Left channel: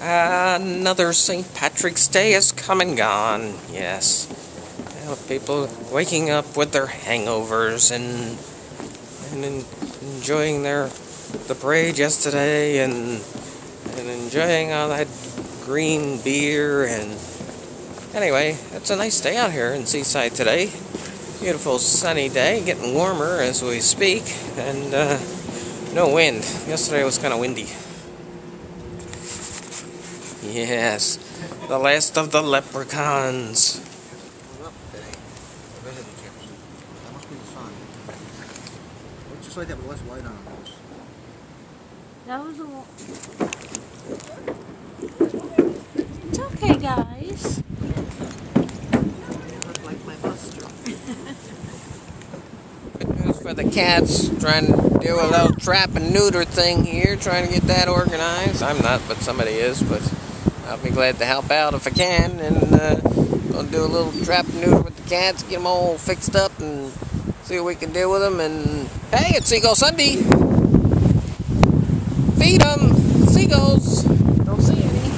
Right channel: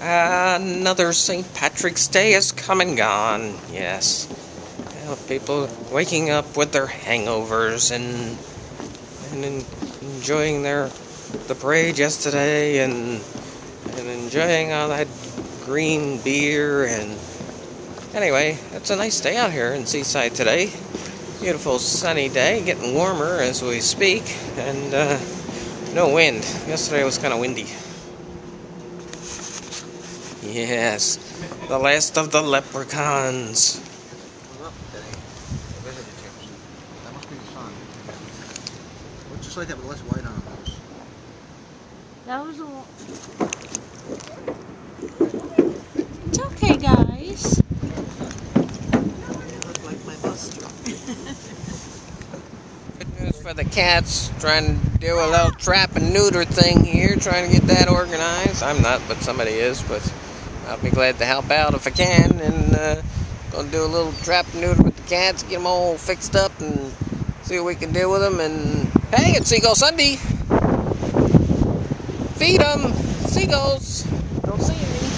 Another St. Patrick's Day has come and gone. Yes. People waking up with their hangovers and enjoying the parade yesterday and enjoying all that green beer. And anyway, it's a nice day out here in Seaside today. Beautiful sunny day, getting warmer as we speak, and no wind. Yesterday was kind of windy. Yes, the last of the leprechauns. We're up today. The visitor chips. That must be the sun. Looks just like that with less white on those. That was a... It's okay, guys. You look like my bus truck. Good news for the cats. Trying to do a little trap and neuter thing here. Trying to get that organized. I'm not, but somebody is. But I'll be glad to help out if I can. And gonna do a little trap and neuter with the cats. Get them all fixed up and see what we can do with them. And hey, it's Seagull Sunday. Feed them. Seagulls. Don't see any.